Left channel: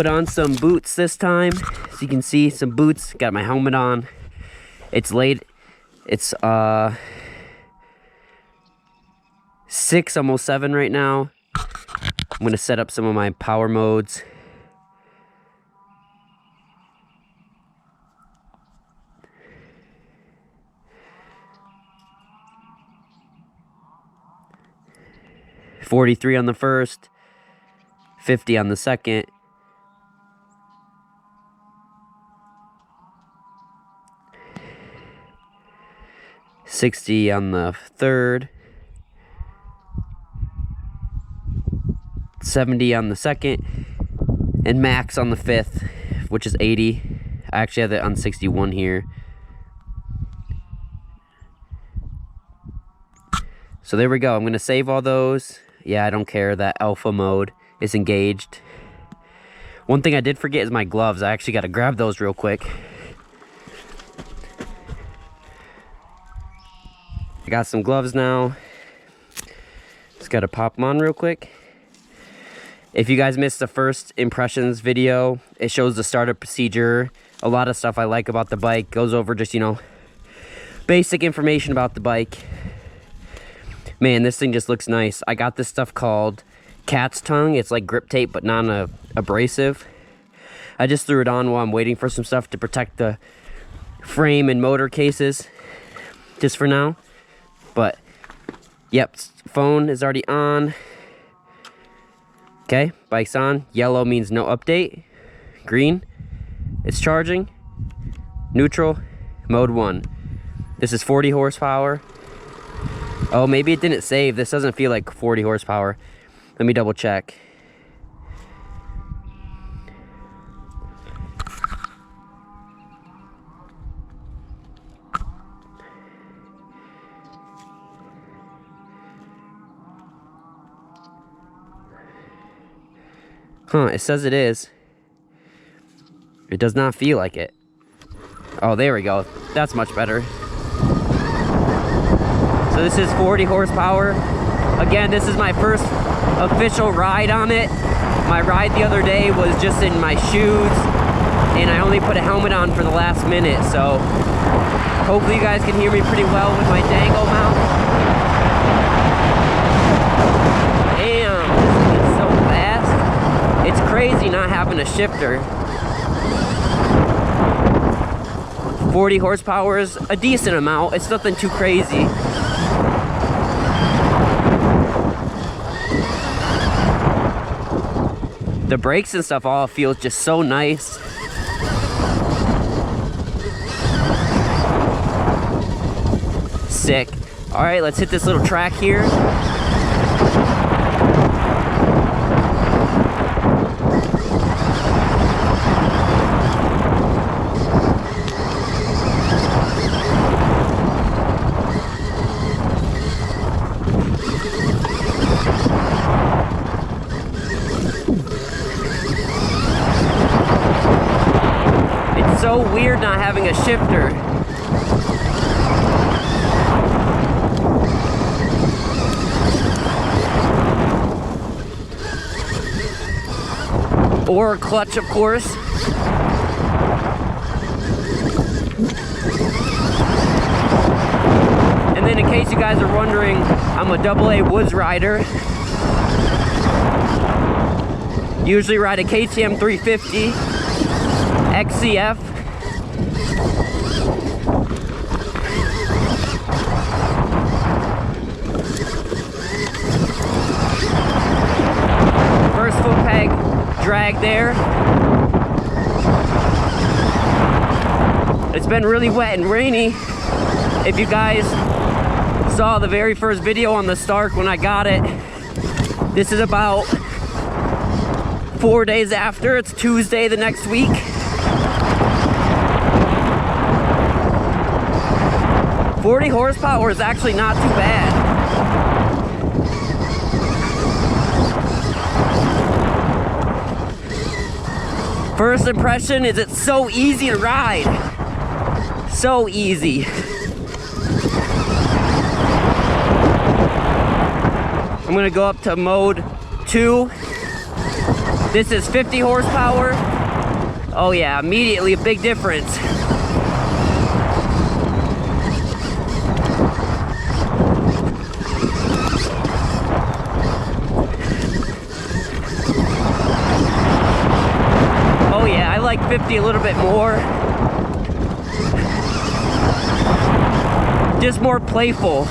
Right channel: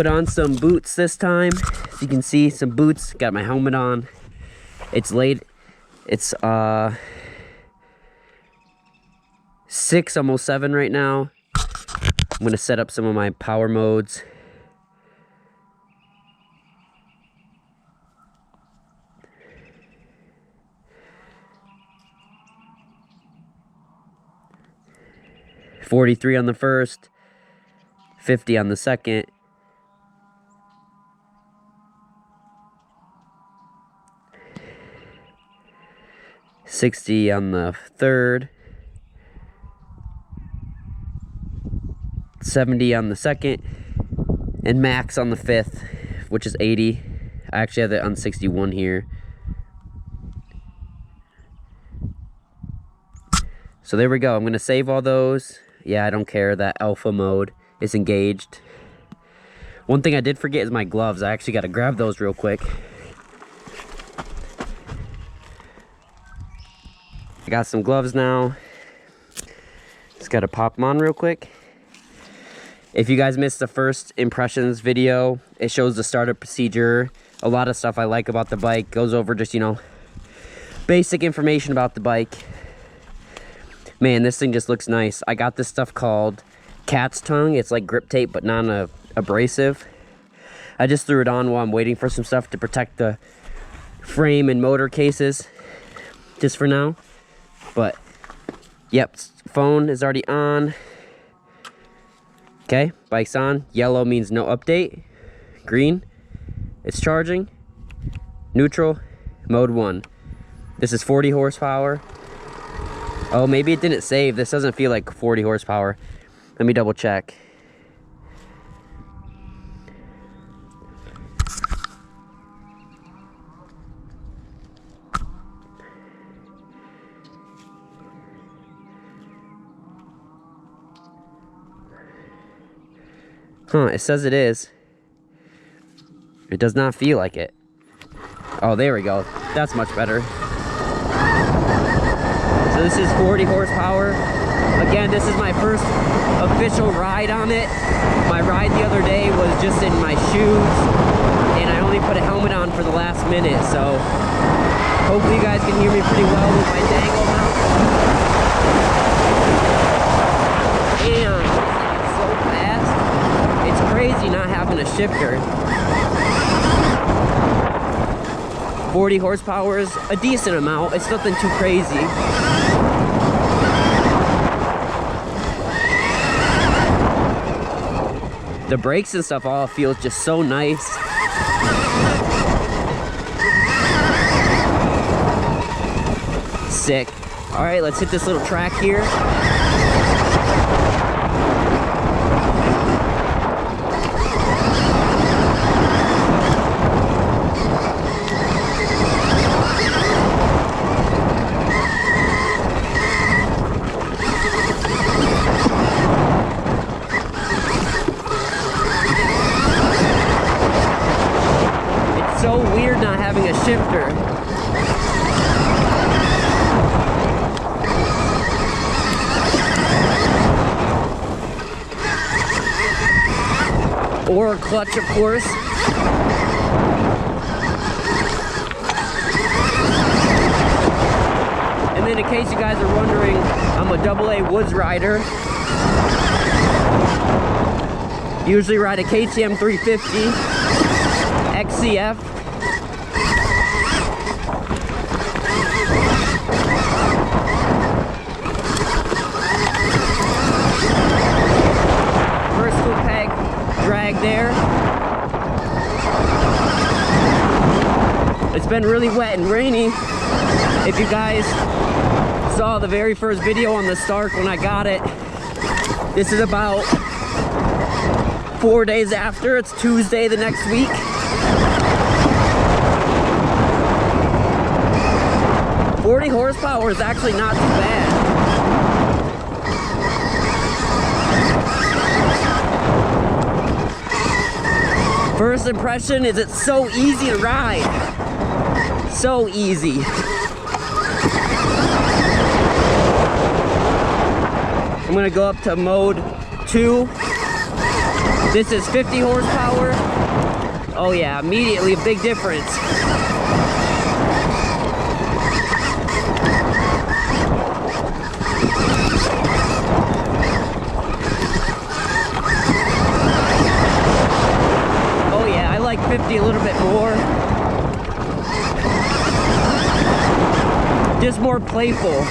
put on some boots this time. As you can see, some boots. Got my helmet on. It's late. It's 6, almost 7 right now. I'm gonna set up some of my power modes. $43 on the first, 50 on the second, $60 on the third, $70 on the second, and max on the fifth, which is 80. I actually have it on 61 here. So there we go. I'm gonna save all those. Yeah, I don't care that alpha mode is engaged. One thing I did forget is my gloves. I actually got to grab those real quick. I got some gloves now. Just got to pop them on real quick. If you guys missed the first impressions video, it shows the startup procedure. A lot of stuff I like about the bike. Goes over just, you know, basic information about the bike. Man, this thing just looks nice. I got this stuff called cat's tongue. It's like grip tape, but non-abrasive. I just threw it on while I'm waiting for some stuff to protect the frame and motor cases, just for now. But, yep, phone is already on. Okay, bike's on. Yellow means no update. Green, it's charging. Neutral, mode 1. This is 40 horsepower. Oh, maybe it didn't save. This doesn't feel like 40 horsepower. Let me double check. Huh, it says it is. It does not feel like it. Oh, there we go. That's much better. So this is 40 horsepower. Again, this is my first official ride on it. My ride the other day was just in my shoes, and I only put a helmet on for the last minute, so hopefully you guys can hear me pretty well with my dangle mount. Damn, this thing is so fast. It's crazy not having a shifter. 40 horsepower is a decent amount. It's nothing too crazy. The brakes and stuff all feel just so nice. Sick. All right, let's hit this little track here. It's so weird not having a shifter. Or a clutch, of course. And then in case you guys are wondering, I'm a AA woods rider. Usually ride a KTM 350 XCF. First foot peg drag there. It's been really wet and rainy. If you guys saw the very first video on the Stark when I got it, this is about 4 days after. It's Tuesday the next week. "40 horsepower is actually not too bad. First impression is it's so easy to ride. So easy. I'm gonna go up to mode 2. This is 50 horsepower. Oh yeah, immediately a big difference. Oh yeah, I like 50 a little bit more. Just more playful.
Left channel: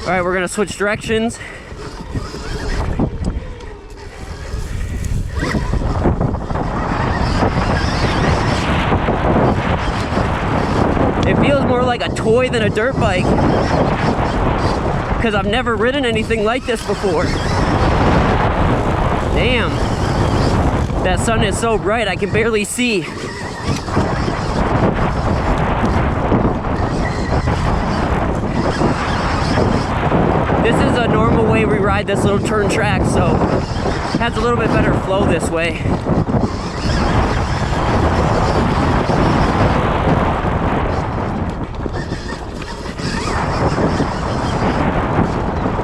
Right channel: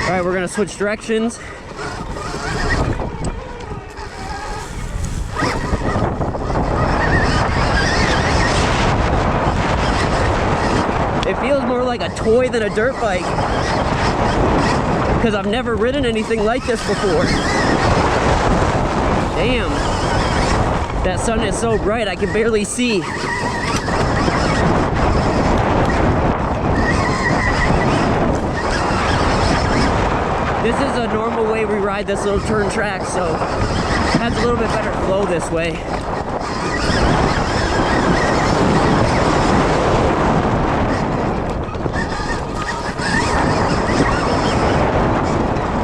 All right, we're gonna switch directions. It feels more like a toy than a dirt bike, because I've never ridden anything like this before. Damn, that sun is so bright I can barely see. This is a normal way we ride this little turn track, so it has a little bit better flow this way.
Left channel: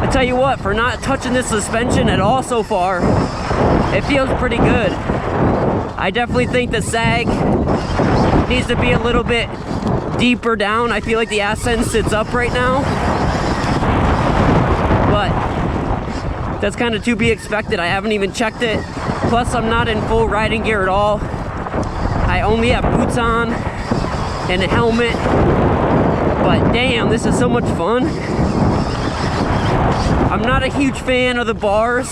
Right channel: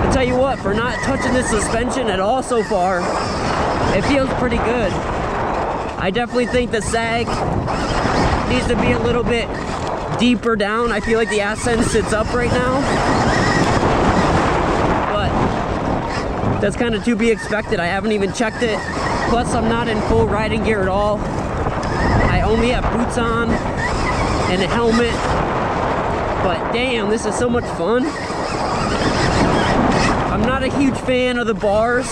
I tell you what, for not touching this suspension at all so far, it feels pretty good. I definitely think the sag needs to be a little bit deeper down. I feel like the ascent sits up right now, but that's kind of to be expected. I haven't even checked it. Plus, I'm not in full riding gear at all. I only have boots on and a helmet, but damn, this is so much fun. I'm not a huge fan of the bars.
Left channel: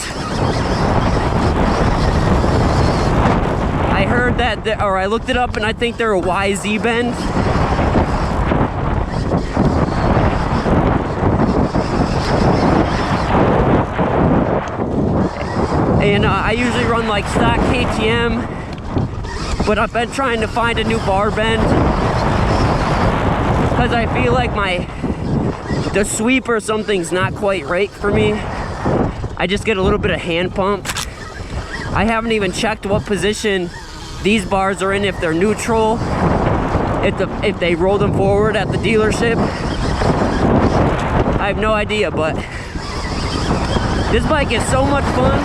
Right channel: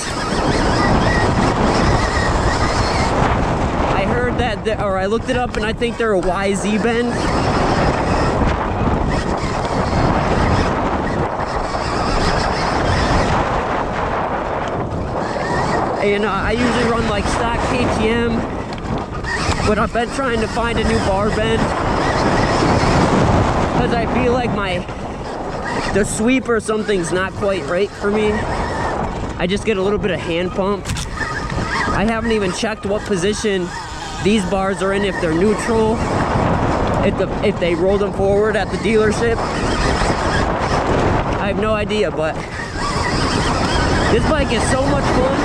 I heard that, or I looked it up, and I think they're a YZ bend. And I usually run like stock KTM, but I've been trying to find a new bar bend because I feel like the sweep or something's not quite right for me. I just get a little bit of hand pump. I haven't even checked what position these bars are in, if they're neutral, if they roll them forward at the dealership. I have no idea, but this bike is so much fun.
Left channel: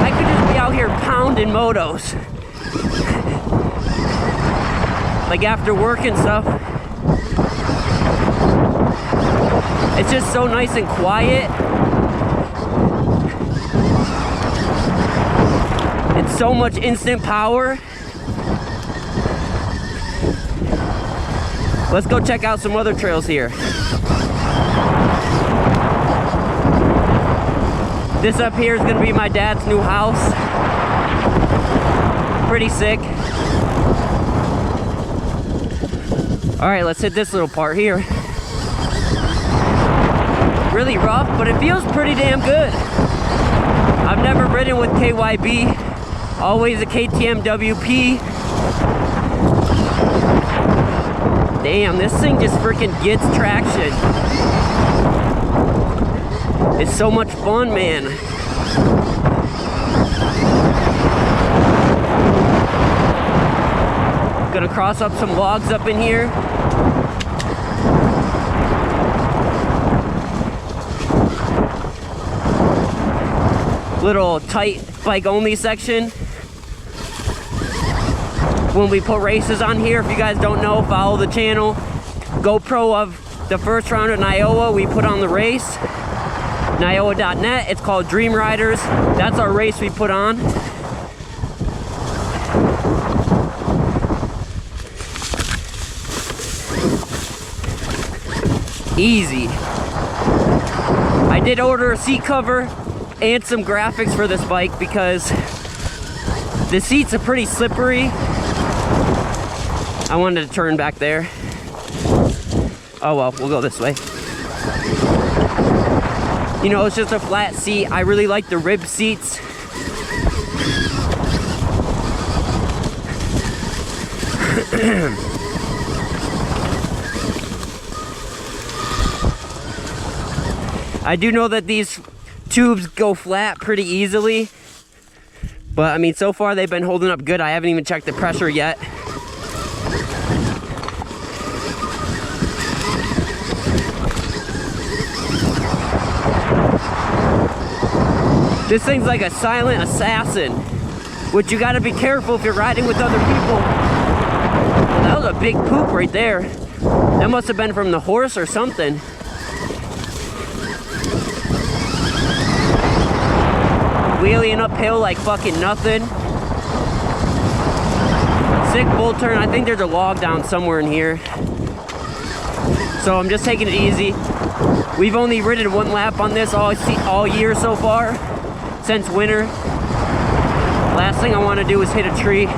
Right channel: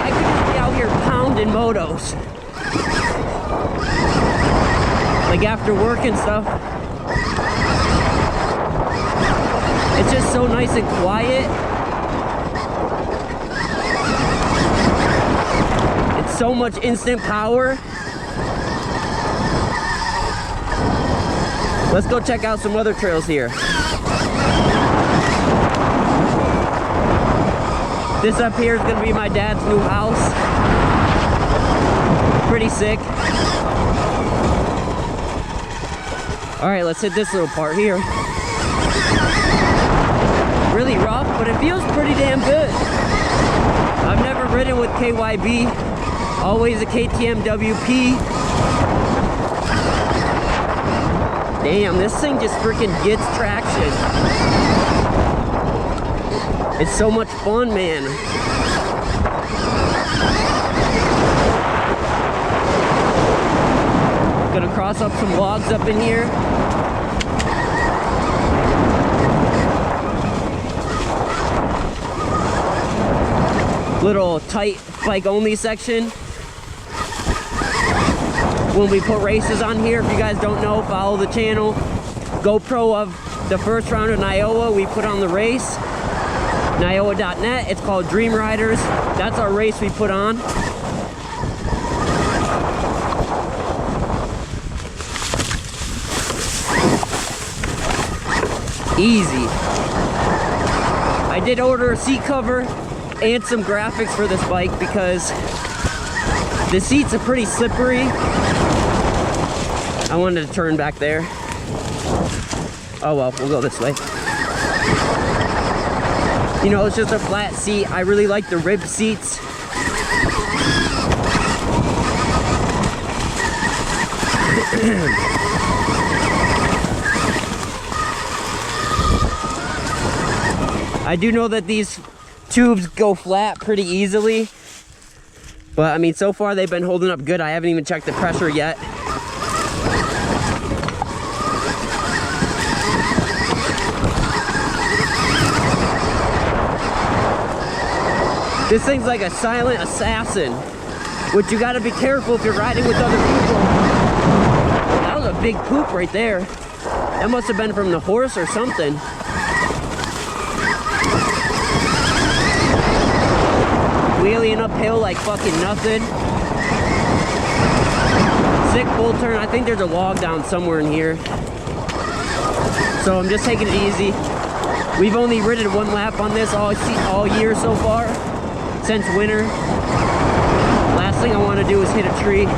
I could just be out here pounding motos. Like after work and stuff. It's just so nice and quiet. It's so much instant power. Let's go check out some other trails here. This up here is gonna be my dad's new house. Pretty sick. All right, let's hit this little part here. Really rough, but it feels pretty damn good. I've never ridden with KYB, always a KTM WP. Damn, this thing just freaking gets traction. It's so much fun, man. Gonna cross up some logs up in here. Little tight bike only section. When we put races on here, if you guys don't know, follow the channel. GoPro of the first round of Iowa, we put on the race. Iowa.net, it's called Dream Riders. That's our race we put on. Easy. I did order a seat cover and some graphics for this bike because the seats are pretty slippery. I wanted to turn back there. Oh well, we'll go this way. You know, it's just a flat seat. I really like the rib seats. I do know that these tubes go flat pretty easily, but I mean, so far they've been holding up good. I haven't even checked the pressure yet. This thing's like a silent assassin, which you gotta be careful if you're riding with other people. Well, that was a big poop right there. That must have been from the horse or something. Wheeling uphill like fucking nothing. Sick bull turn. I think there's a log down somewhere in here. So I'm just taking it easy. We've only ridden one lap on this all year so far, since winter. Last thing I want to do is hit a tree.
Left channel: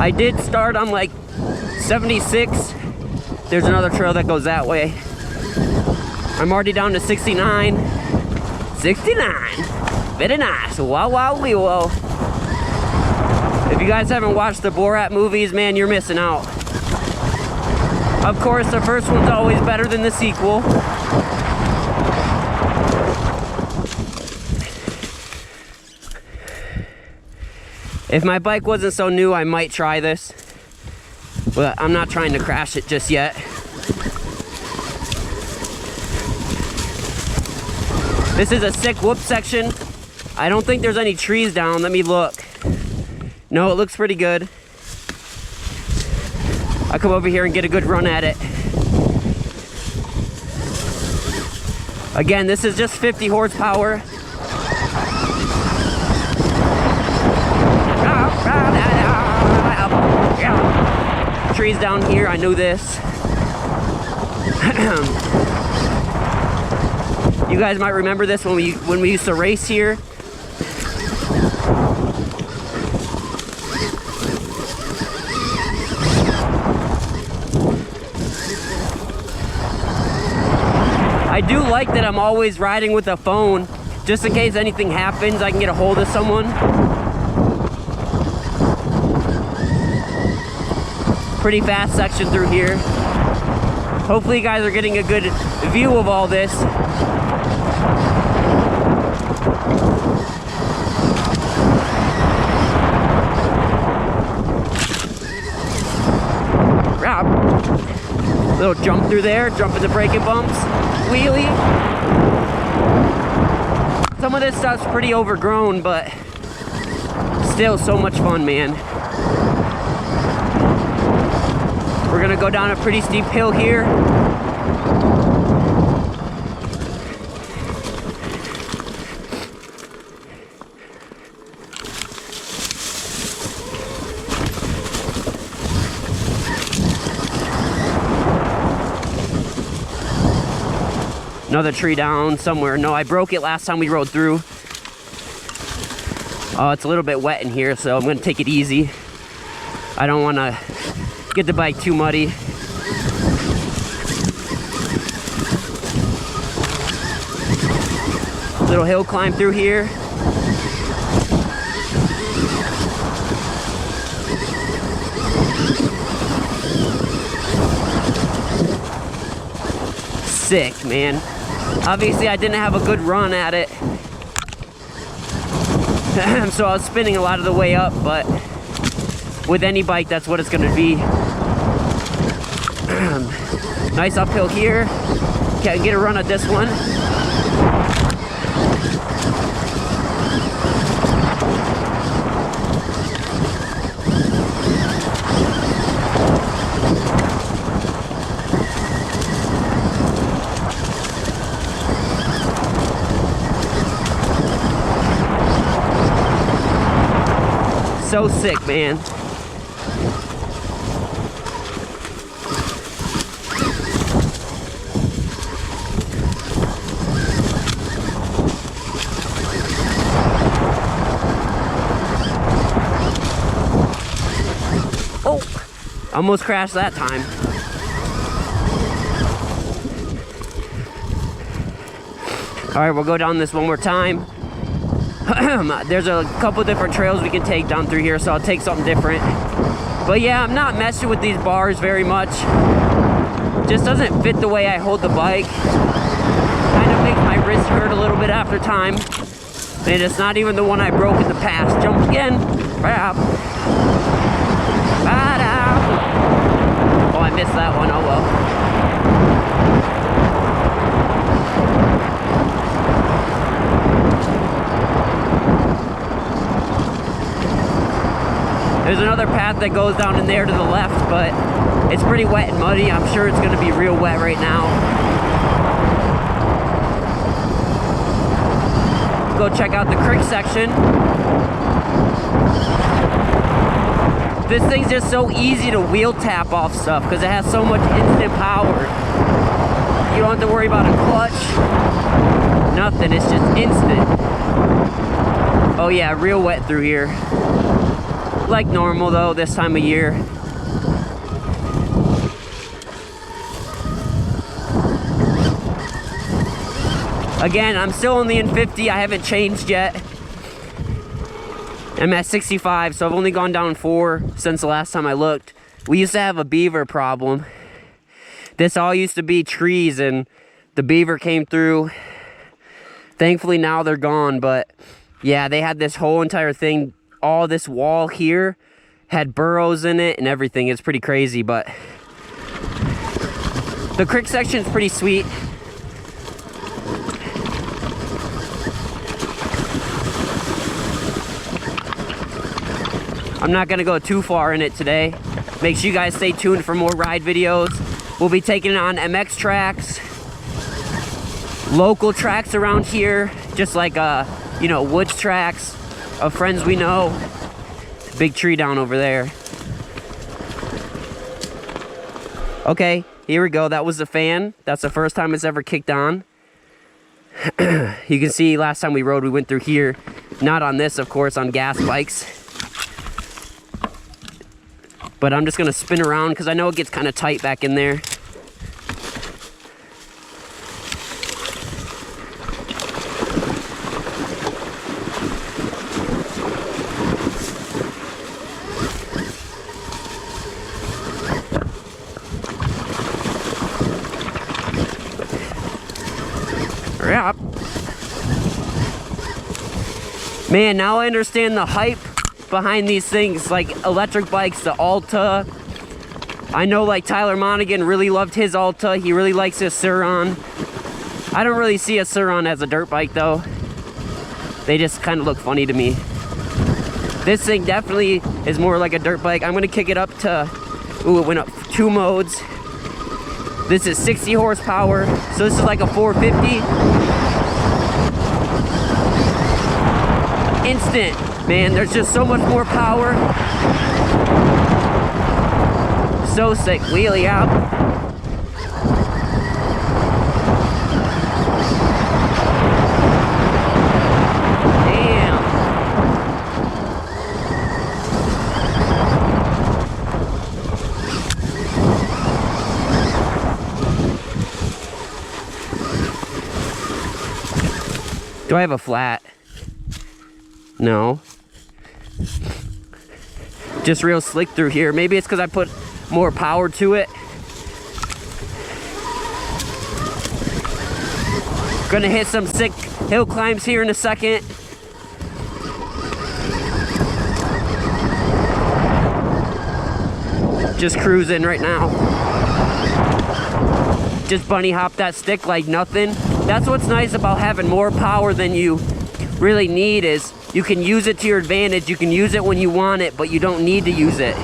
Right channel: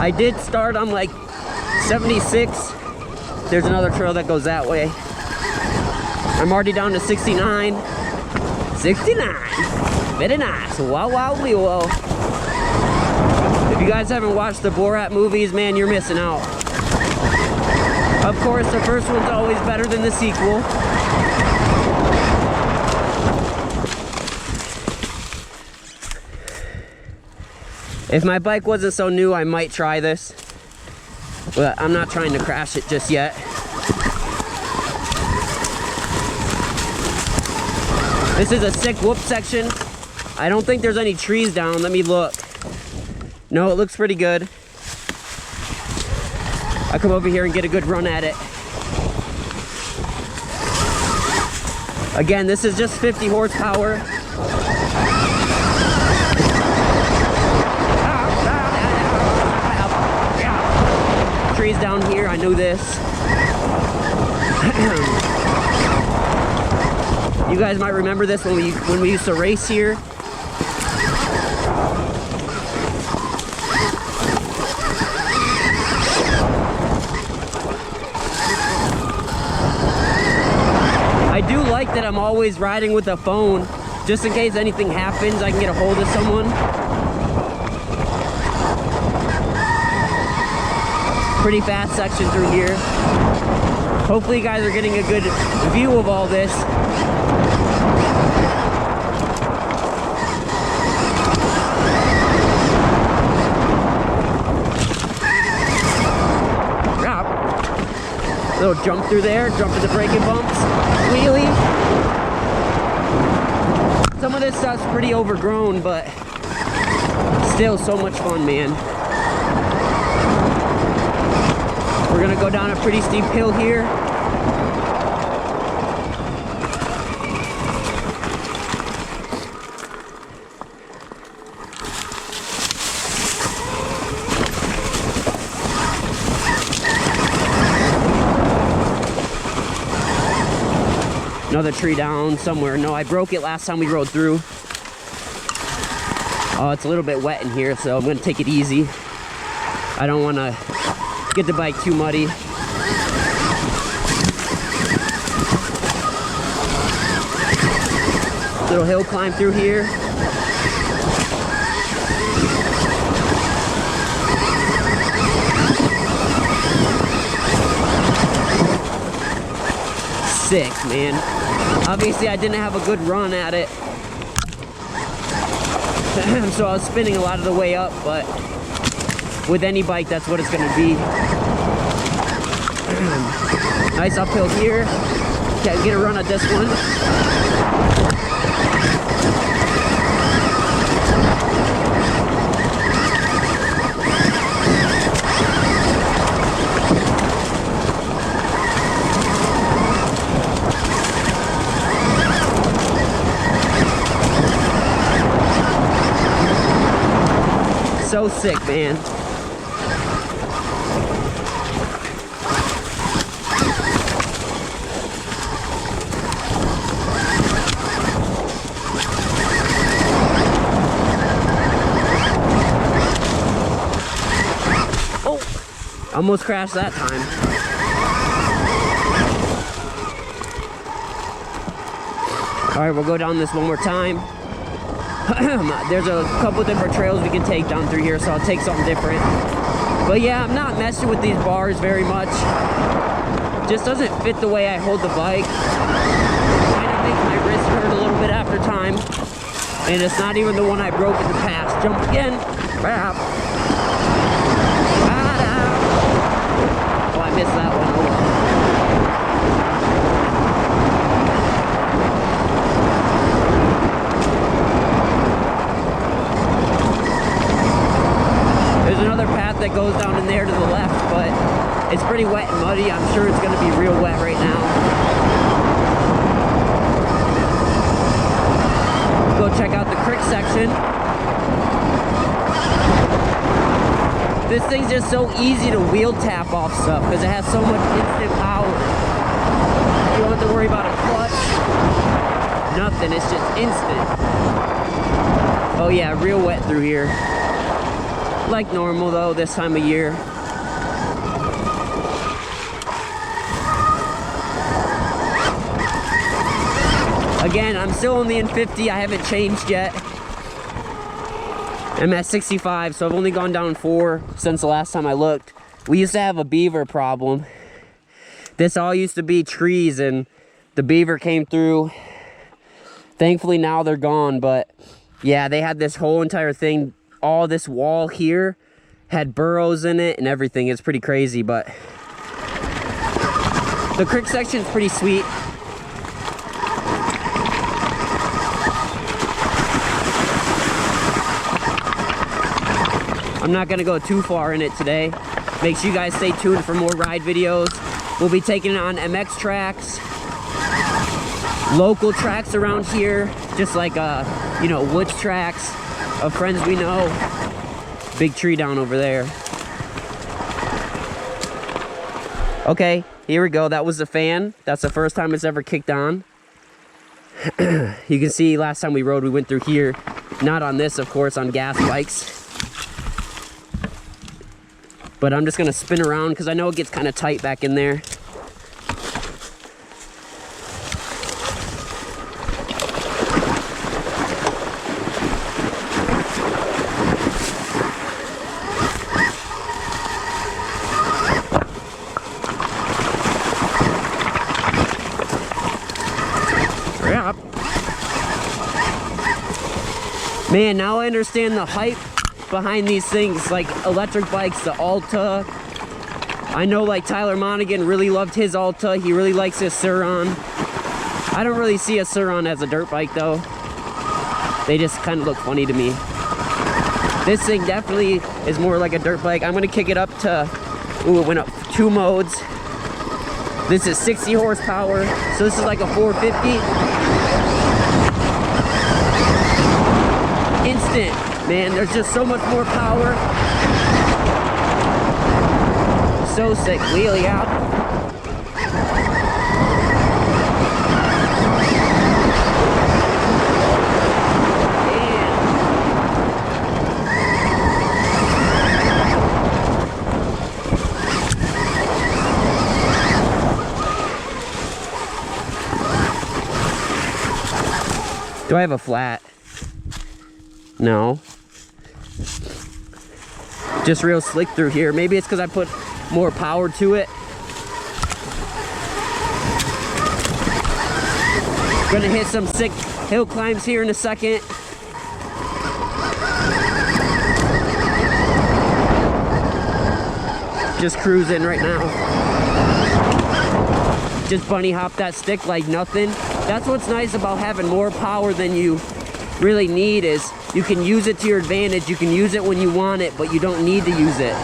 I did start on like 76. There's another trail that goes that way. I'm already down to 69. 69. Very nice. Wow, wow, wee, whoa. If you guys haven't watched the Borat movies, man, you're missing out. Of course, the first one's always better than the sequel. If my bike wasn't so new, I might try this. But I'm not trying to crash it just yet. This is a sick whoop section. I don't think there's any trees down. Let me look. No, it looks pretty good. I'll come over here and get a good run at it. Again, this is just 50 horsepower. Trees down here, I know this. You guys might remember this when we used to race here. I do like that I'm always riding with a phone, just in case anything happens, I can get a hold of someone. Pretty fast section through here. Hopefully you guys are getting a good view of all this. Little jump through there, jump in the braking bumps, wheelie. Some of this stuff's pretty overgrown, but still so much fun, man. We're gonna go down a pretty steep hill here. Another tree down somewhere. No, I broke it last time we rode through. Oh, it's a little bit wet in here, so I'm gonna take it easy. I don't wanna get the bike too muddy. Little hill climb through here. Sick, man. Obviously I didn't have a good run at it. So I was spinning a lot of the way up, but with any bike, that's what it's gonna be. Nice uphill here. Can't get a run at this one. So sick, man. Oh, almost crashed that time. All right, we'll go down this one more time. There's a couple different trails we can take down through here, so I'll take something different. But yeah, I'm not messing with these bars very much. Just doesn't fit the way I hold the bike. Kind it makes my wrist hurt a little bit after time. And it's not even the one I broke in the past. Jump again. Crap. Oh, I missed that one. Oh well. There's another path that goes down in there to the left, but it's pretty wet and muddy. I'm sure it's going to be real wet right now. Go check out the creek section. This thing's just so easy to wheel tap off stuff because it has so much instant power. You don't have to worry about a clutch. Nothing, it's just instant. Oh yeah, real wet through here. Like normal though, this time of year. Again, I'm still only in 50, I haven't changed yet. I'm at 65, so I've only gone down 4 since the last time I looked. We used to have a beaver problem. This all used to be trees and the beaver came through. Thankfully now they're gone, but yeah, they had this whole entire thing. All this wall here had burrows in it and everything. It's pretty crazy, but the creek section is pretty sweet. I'm not gonna go too far in it today. Make sure you guys stay tuned for more ride videos. We'll be taking it on MX tracks, local tracks around here, just like you know, woods tracks of friends we know. Big tree down over there. Okay, here we go. That was the fan. That's the first time it's ever kicked on. You can see last time we rode, we went through here. Not on this, of course, on gas bikes. But I'm just gonna spin around because I know it gets kind of tight back in there. Yep. Man, now I understand the hype behind these things, like electric bikes, the Alta. I know like Tyler Monaghan really loved his Alta. He really likes his Sur-Ron. I don't really see a Sur-Ron as a dirt bike though. They just kind of look funny to me. This thing definitely is more like a dirt bike. I'm gonna kick it up to, ooh, it went up 2 modes. This is 60 horsepower, so this is like a 450. Instant. Man, there's just so much more power. So sick. Wheelie out. Damn. Do I have a flat? No. Just real slick through here. Maybe it's because I put more power to it. Gonna hit some sick hill climbs here in a second. Just cruising right now. Just bunny hop that stick like nothing. That's what's nice about having more power than you really need, is you can use it to your advantage. You can use it when you want it, but you don't need to use it.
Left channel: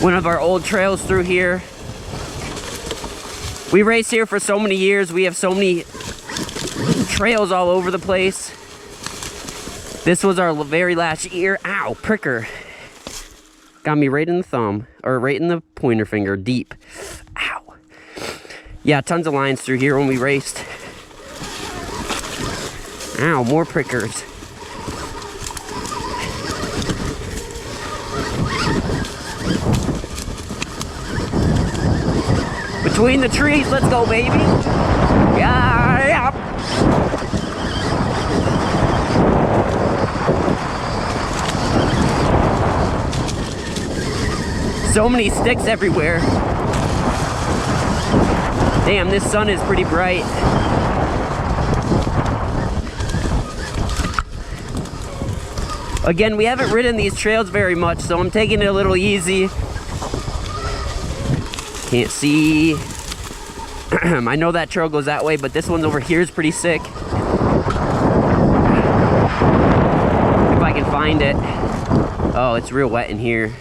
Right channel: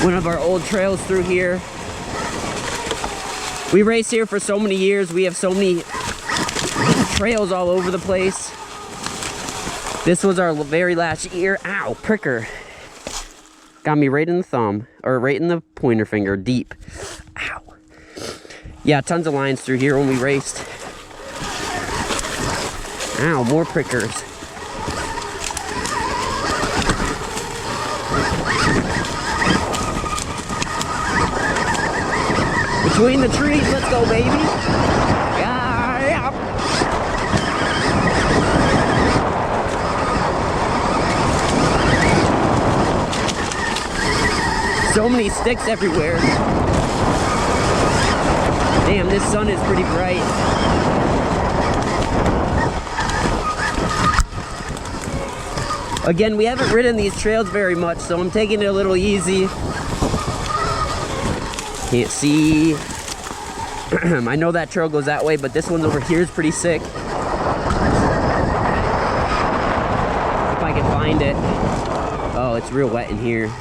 One of our old trails through here. We race here for so many years. We have so many trails all over the place. This was our very last year. Ow, pricker. Got me right in the thumb, or right in the pointer finger, deep. Ow. Yeah, tons of lines through here when we raced. Ow, more prickers. Between the trees, let's go, baby. Yeah. So many sticks everywhere. Damn, this sun is pretty bright. Again, we haven't ridden these trails very much, so I'm taking it a little easy. Can't see. I know that trail goes that way, but this one over here is pretty sick. If I can find it. Oh, it's real wet in here.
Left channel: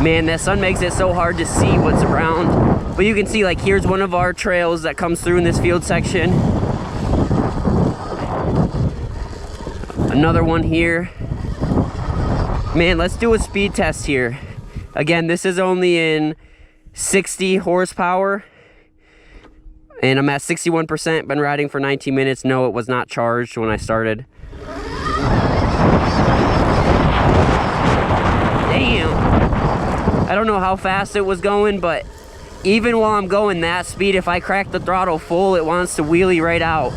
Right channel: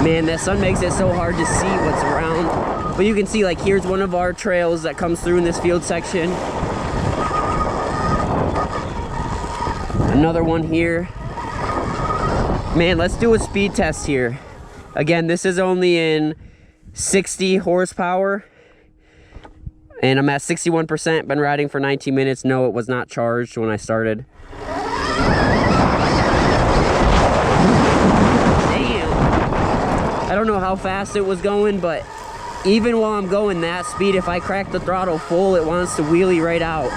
Man, that sun makes it so hard to see what's around. But you can see, like, here's one of our trails that comes through in this field section. Another one here. Man, let's do a speed test here. Again, this is only in 60 horsepower. And I'm at 61%, been riding for 19 minutes. No, it was not charged when I started. Damn. I don't know how fast it was going, but even while I'm going that speed, if I crack the throttle full, it wants to wheelie right out.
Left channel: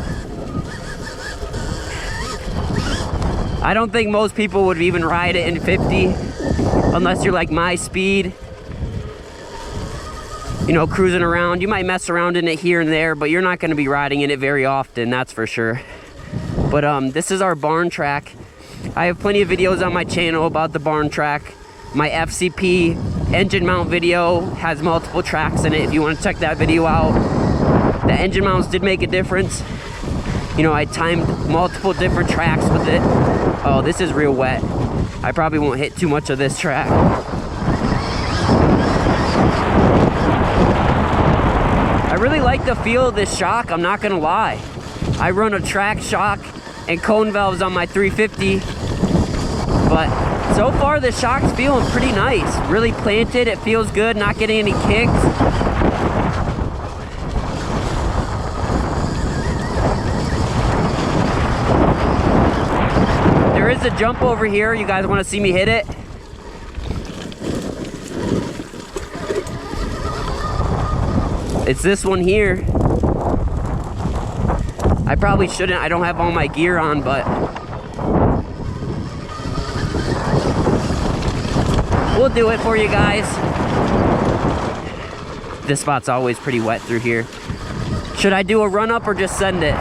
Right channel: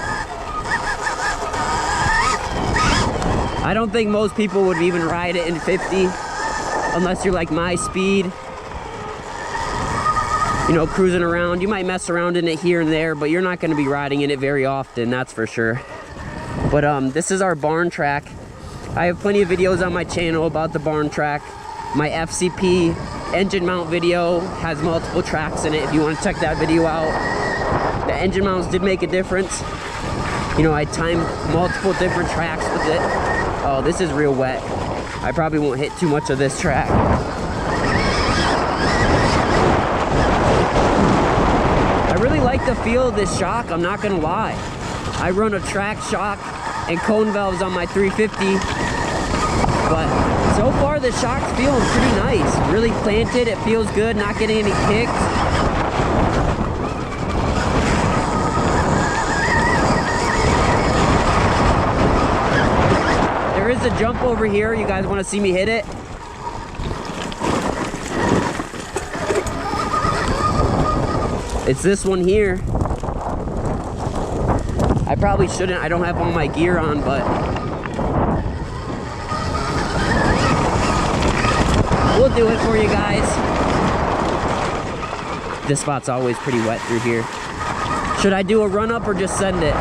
I don't think most people would even ride it in 50 unless you're like my speed. You know, cruising around. You might mess around in it here and there, but you're not going to be riding in it very often, that's for sure. But this is our barn track. I have plenty of videos on my channel about the barn track. My FCP engine mount video has multiple tracks in it if you want to check that video out. The engine mounts did make a difference. You know, I timed multiple different tracks with it. Oh, this is real wet. I probably won't hit too much of this track. I really like the feel of this shock, I'm not gonna lie. I run a track shock and cone valves on my 350, but so far the shock's feeling pretty nice. Really planted, it feels good, not getting any kicks. There is a jump over here. You guys want to see me hit it? It's this one here. I probably shouldn't. I don't have all my gear on, but we'll do it for you guys. This spot's always pretty wet through here. Should I do a run up or just send it?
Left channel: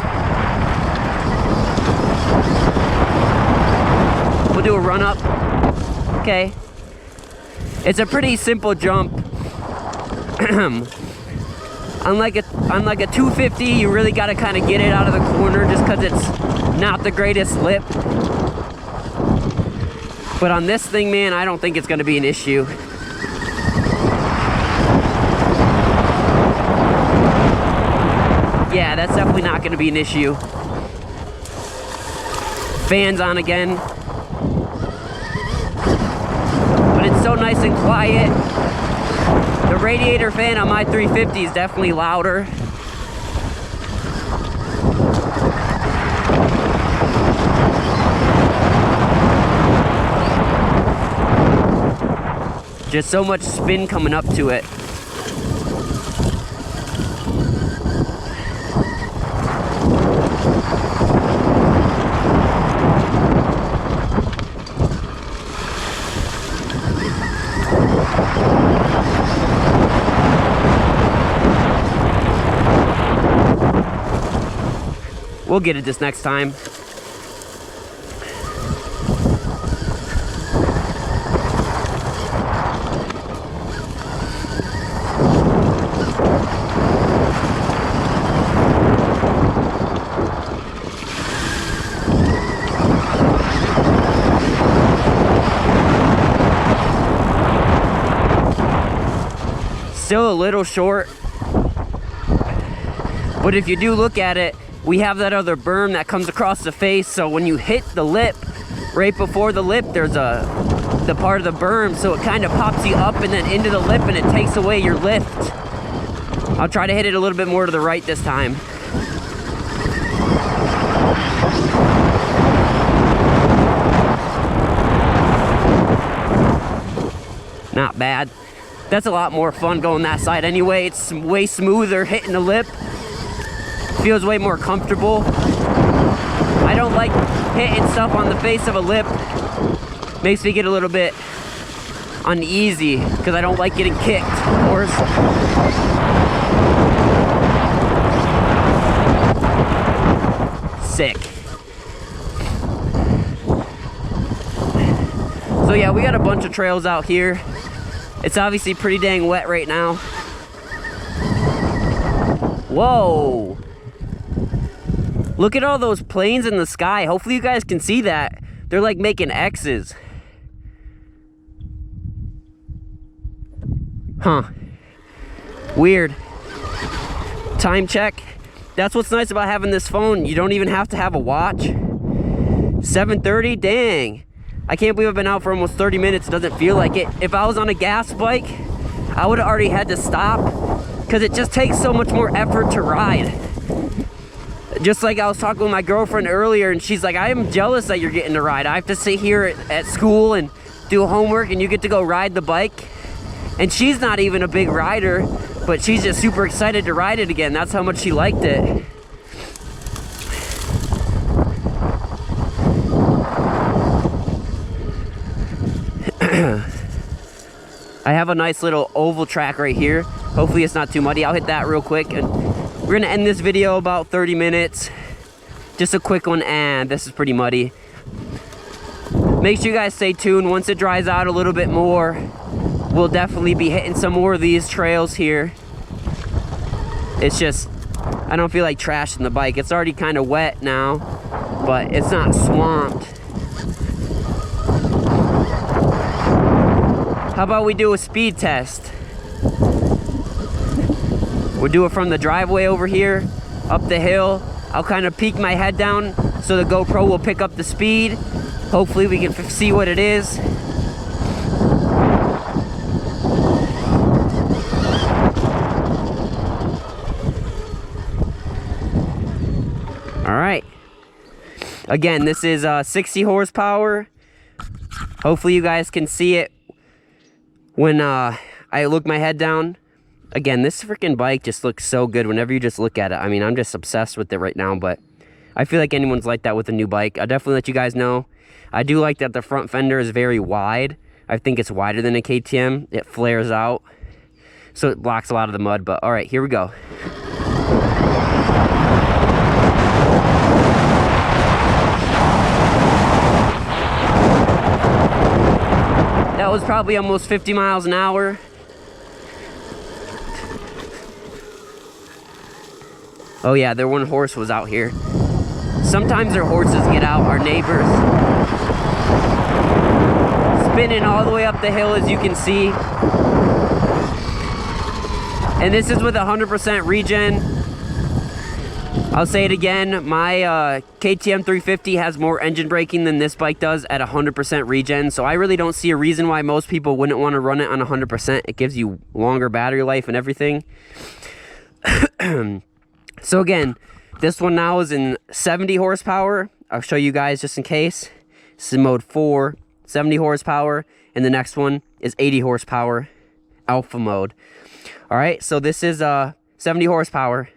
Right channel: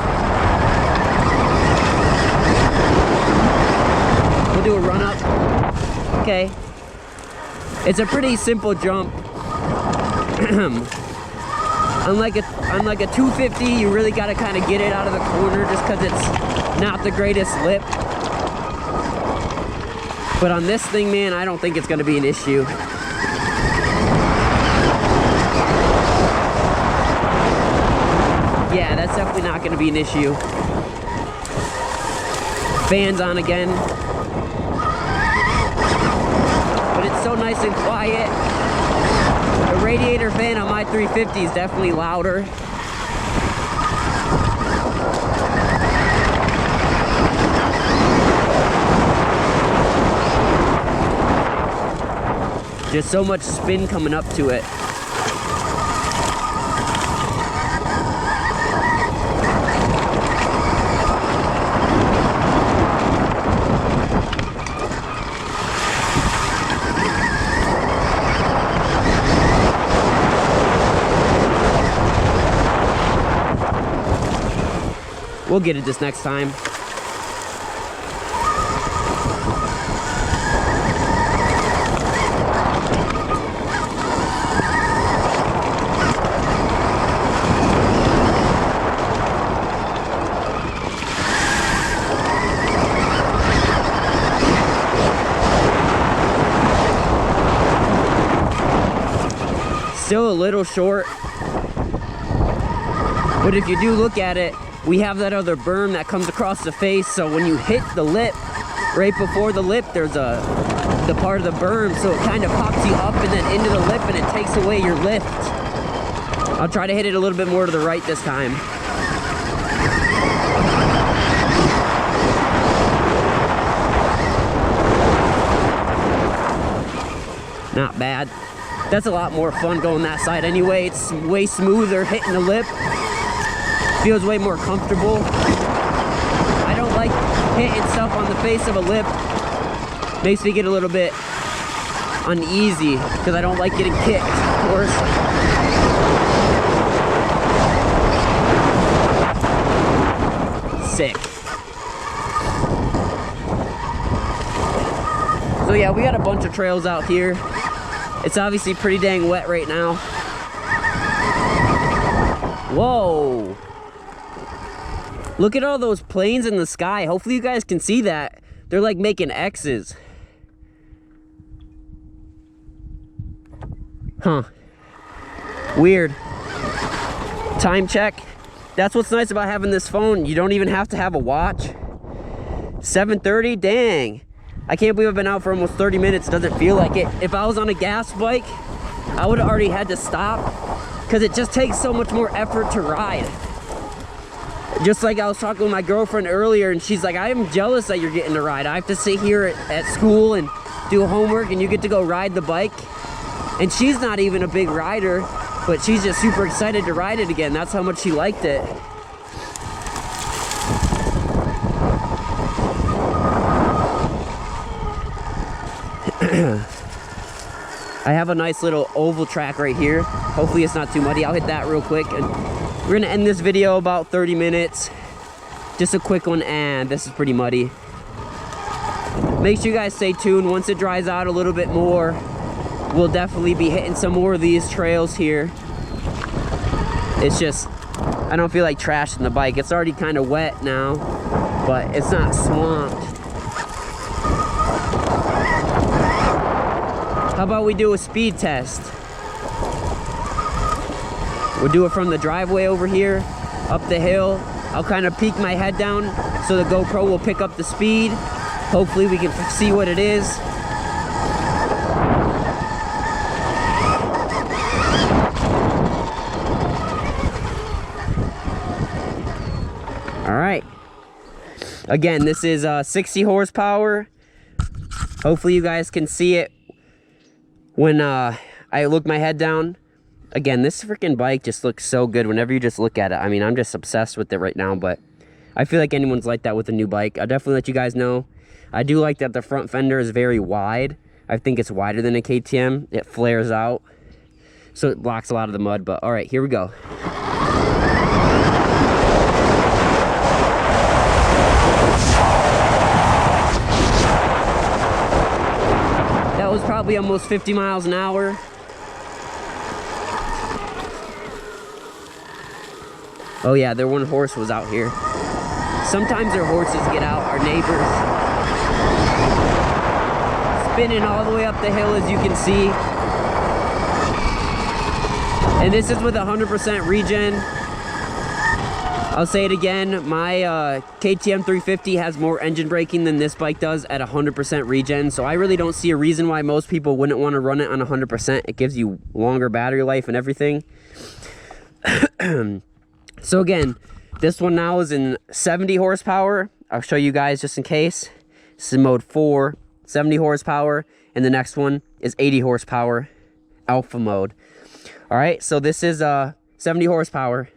We'll do a run up. Okay. It's a pretty simple jump. Unlike a 250, you really got to kind of get it out of the corner just because it's not the greatest lip. But on this thing, man, I don't think it's going to be an issue. Yeah, that's definitely not going to be an issue. Fans on again. But it's so nice and quiet. The radiator fan on my 350 is definitely louder. Just so much spin coming up to it. We'll get it this next time. Still a little short, but if you do look at it, we have that other berm that comes across the face, so when you hit the lip, right before the lip, there's the part of the berm, so it kind of pops you up and then into the lip, and it takes away your lift. I'll try to hit it a little bit more to the right this time. Not bad. That's a lot more fun going that side anyway. It's way smoother hitting the lip. Feels way more comfortable. I don't like hitting stuff on the face of a lip. Makes me get a little bit uneasy because I don't like getting kicked, of course. Sick. So yeah, we got a bunch of trails out here. It's obviously pretty dang wet right now. Whoa. Look at all those planes in the sky. Hopefully you guys can see that. They're like making X's. Huh. Weird. Time check. That's what's nice about having this phone. You don't even have to have a watch. 7:30, dang. I can't believe I've been out for almost 30 minutes. It doesn't feel like it. If I was on a gas bike, I would have already had to stop because it just takes so much more effort to ride. Just like I was talking with my girlfriend earlier, and she's like, I am jealous that you're getting to ride. I have to sit here at school and do homework, and you get to go ride the bike. And she's not even a big rider, but she's just super excited to ride it again. That's how much she liked it. I have a nice little oval track right here. Hopefully it's not too muddy. I'll hit that real quick, and we're gonna end this video about 30 minutes. Just a quick one, and this is pretty muddy. Make sure you guys stay tuned. Once it dries out a little bit more, we'll definitely be hitting some more of these trails here. It's just, I don't feel like trashing the bike. It's already kind of wet now, but it's not swamped. How about we do a speed test? We'll do it from the driveway over here, up the hill. I'll kind of peek my head down so the GoPro will pick up the speed. Hopefully we can see what it is. All right. Again, this is 60 horsepower. Hopefully you guys can see it when I look my head down. Again, this freaking bike just looks so good whenever you just look at it. I mean, I'm just obsessed with it right now, but I feel like anyone's like that with a new bike. I'll definitely let you guys know. I do like that the front fender is very wide. I think it's wider than a KTM. It flares out, so it blocks a lot of the mud. But all right, here we go. That was probably almost 50 miles an hour. Oh yeah, their one horse was out here. Sometimes their horses get out, our neighbors. Spinning all the way up the hill, as you can see. And this is with 100% regen. I'll say it again, my KTM 350 has more engine braking than this bike does at 100% regen, so I really don't see a reason why most people wouldn't want to run it on 100%. It gives you longer battery life and everything. So again, this one now is in 70 horsepower. I'll show you guys just in case. This is mode 4, 70 horsepower, and the next one is 80 horsepower, alpha mode. All right, so this is 70 horsepower.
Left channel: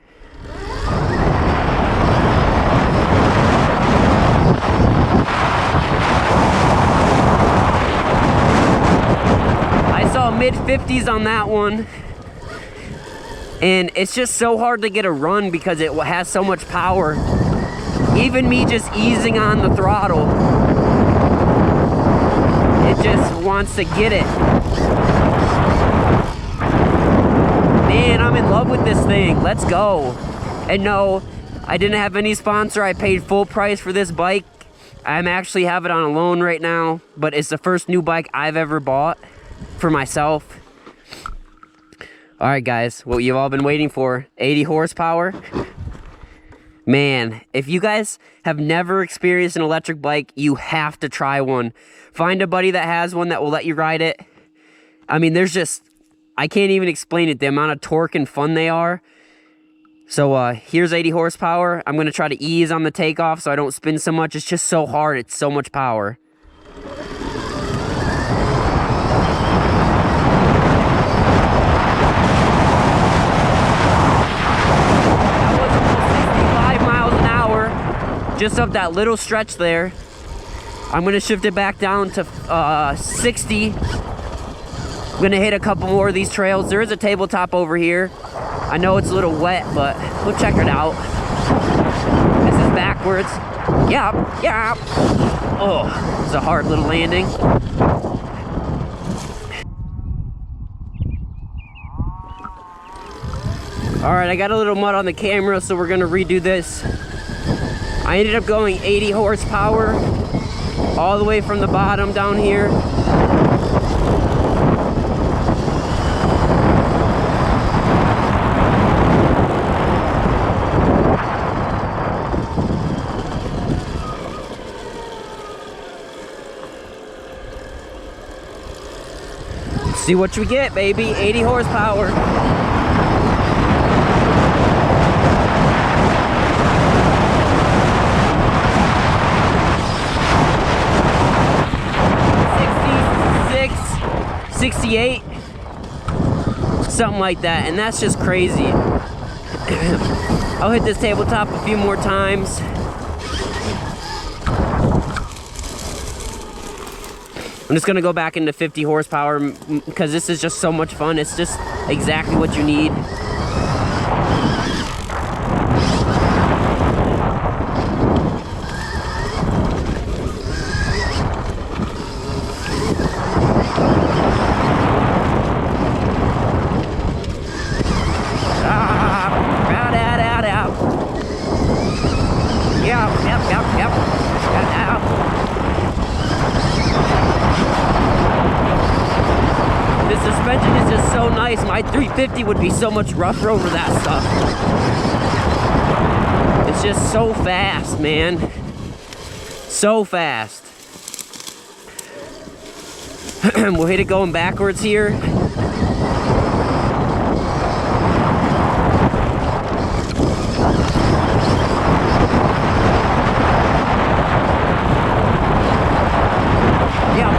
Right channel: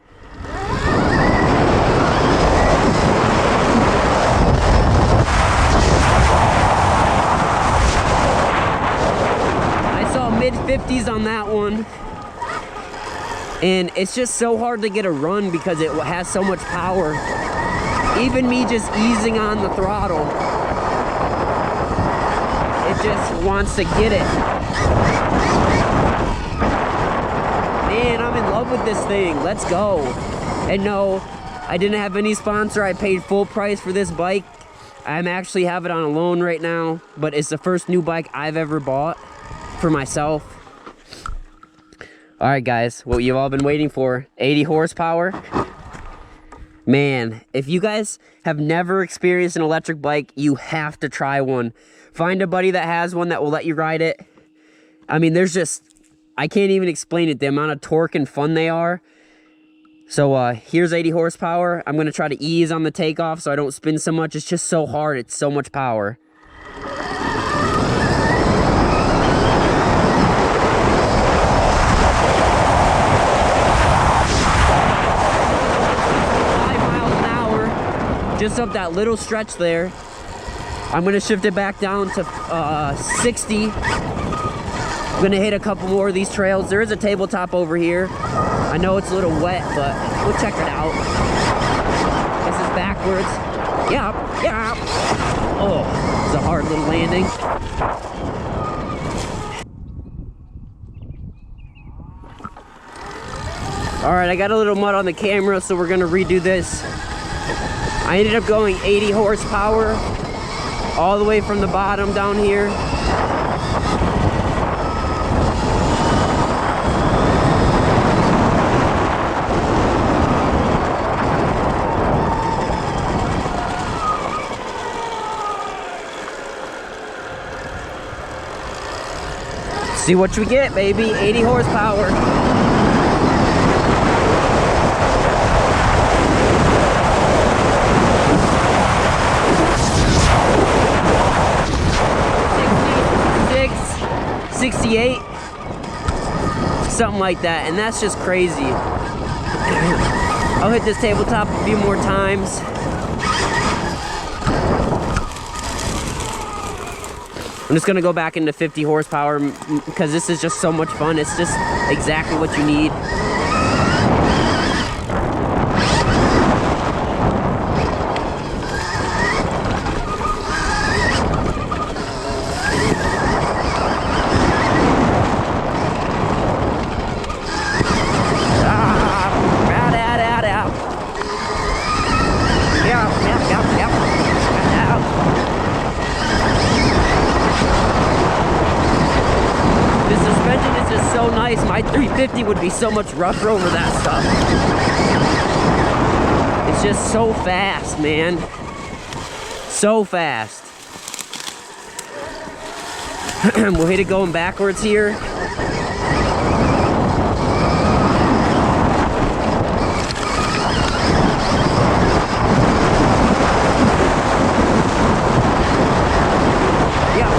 I saw mid-50s on that one. And it's just so hard to get a run because it has so much power. Even me just easing on the throttle, it just wants to get it. Man, I'm in love with this thing. Let's go. And no, I didn't have any sponsor. I paid full price for this bike. I'm actually have it on a loan right now, but it's the first new bike I've ever bought for myself. All right, guys, what you've all been waiting for, 80 horsepower. Man, if you guys have never experienced an electric bike, you have to try one. Find a buddy that has one that will let you ride it. I mean, there's just, I can't even explain it, the amount of torque and fun they are. So here's 80 horsepower. I'm gonna try to ease on the takeoff so I don't spin so much. It's just so hard, it's so much power. That was almost 65 miles an hour, just up that little stretch there. I'm gonna shift it back down to 60. I'm gonna hit a couple more of these trails. There is a tabletop over here. I know it's a little wet, but we'll check it out. This is backwards. Yep, yep. Oh, it's a hard little landing. All right, I got a little mud on the camera, so we're gonna redo this. I ended up going 80 horsepower all the way from the bottom down here. See what we get, baby. 80 horsepower. '66, 68, something like that, and that's just crazy. I'll hit this tabletop a few more times. I'm just gonna go back into 50 horsepower because this is just so much fun. It's just exactly what you need. Out. Yep. Got out. The suspension is just so nice. My 350 would be so much rougher over that stuff. It's just so fast, man. So fast. We'll hit it going backwards here. Yep.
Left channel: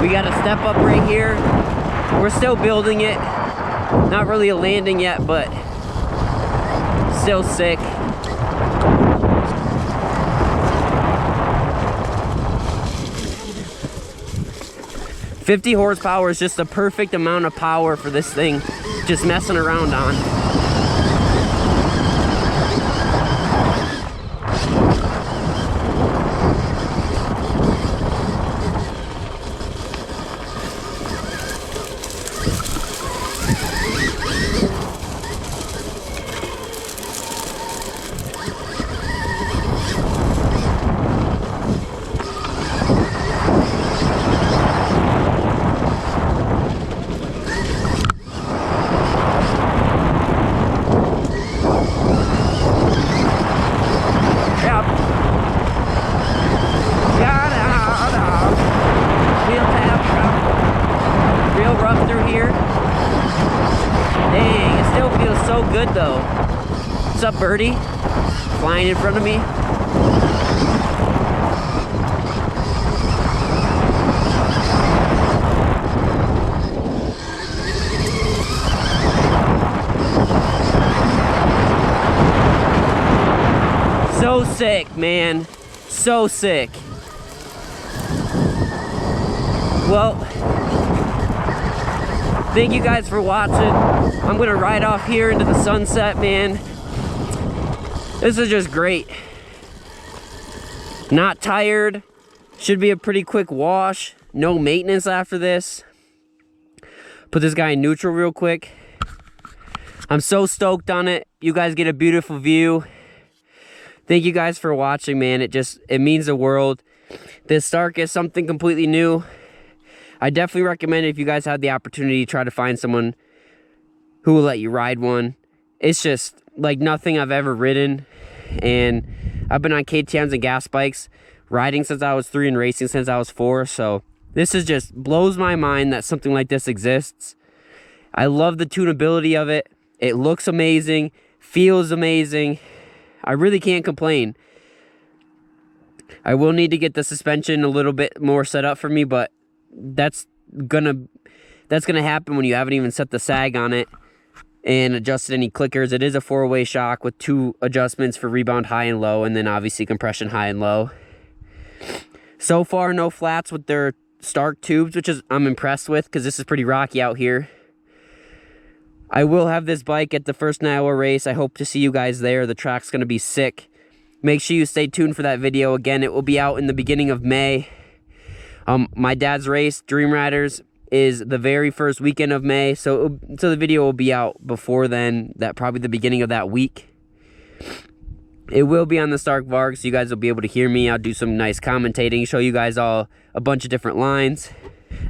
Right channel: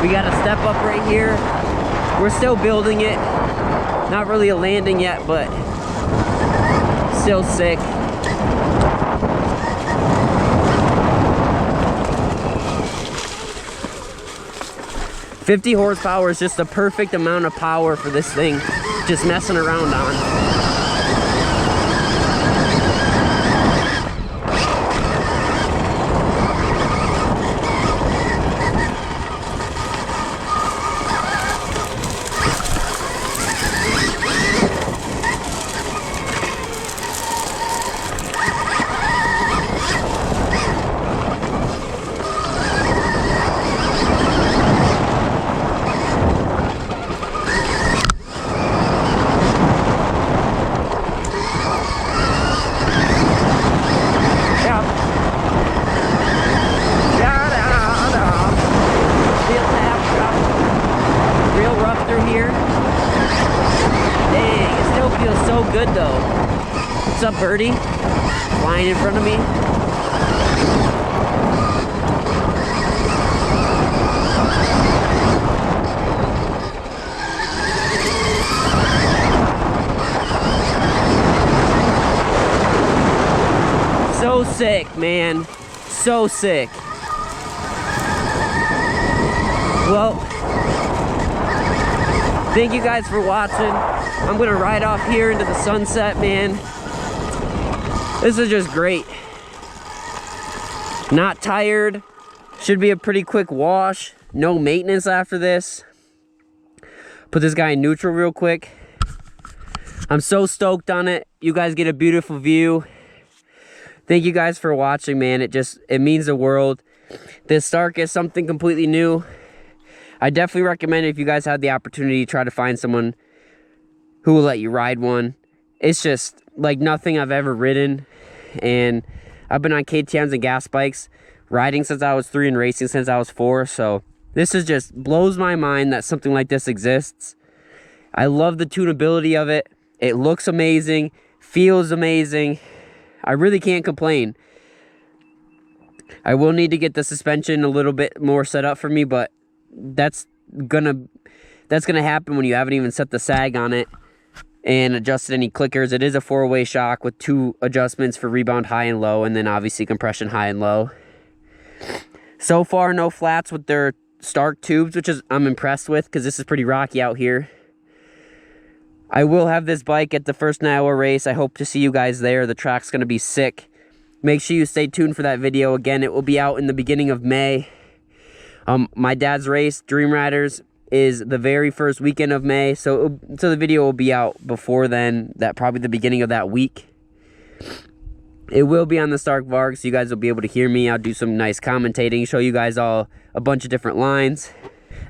We got a step up right here. We're still building it. Not really a landing yet, but still sick. $50 horsepower is just the perfect amount of power for this thing, just messing around on. Yep. Wheel tap, up. Real rough through here. Dang, it still feels so good though. What's up, birdie? Flying in front of me. So sick, man. So sick. Well, thank you guys for watching. I'm gonna ride off here into the sunset, man. This is just great. Not tired. Should be a pretty quick wash. No maintenance after this. Put this guy in neutral real quick. I'm so stoked on it. You guys get a beautiful view. Thank you guys for watching, man. It means the world. This Stark is something completely new. I definitely recommend it if you guys have the opportunity to try to find someone who will let you ride one. It's just like nothing I've ever ridden. And I've been on KTMs and gas bikes, riding since I was 3 and racing since I was 4. So This is just blows my mind that something like this exists. I love the tunability of it. It looks amazing, feels amazing. I really can't complain. I will need to get the suspension a little bit more set up for me, but that's gonna happen when you haven't even set the sag on it and adjusted any clickers. It is a 4-way shock with 2 adjustments for rebound high and low, and then obviously compression high and low. So far, no flats with their Stark tubes, which is I'm impressed with because this is pretty rocky out here. I will have this bike at the first Iowa race. I hope to see you guys there. The track's going to be sick. Make sure you stay tuned for that video. Again, it will be out in the beginning of May. My dad's race, Dream Riders, is the very first weekend of May, so the video will be out before then, probably the beginning of that week. It will be on the Stark Varg, so you guys will be able to hear me. I'll do some nice commentating, show you guys all a bunch of different lines.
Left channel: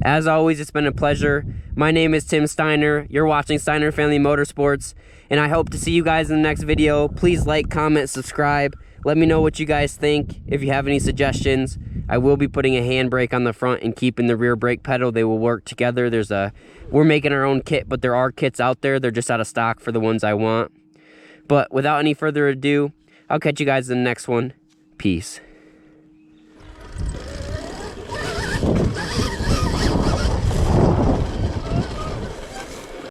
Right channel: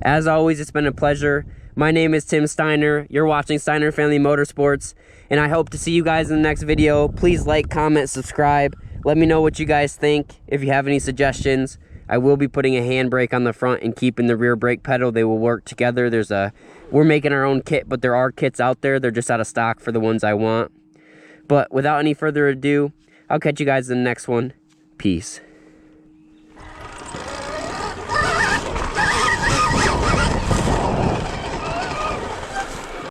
As always, it's been a pleasure. My name is Tim Steiner. You're watching Steiner Family Motorsports, and I hope to see you guys in the next video. Please like, comment, subscribe. Let me know what you guys think. If you have any suggestions, I will be putting a handbrake on the front and keeping the rear brake pedal. They will work together. We're making our own kit, but there are kits out there. They're just out of stock for the ones I want. But without any further ado, I'll catch you guys in the next one. Peace.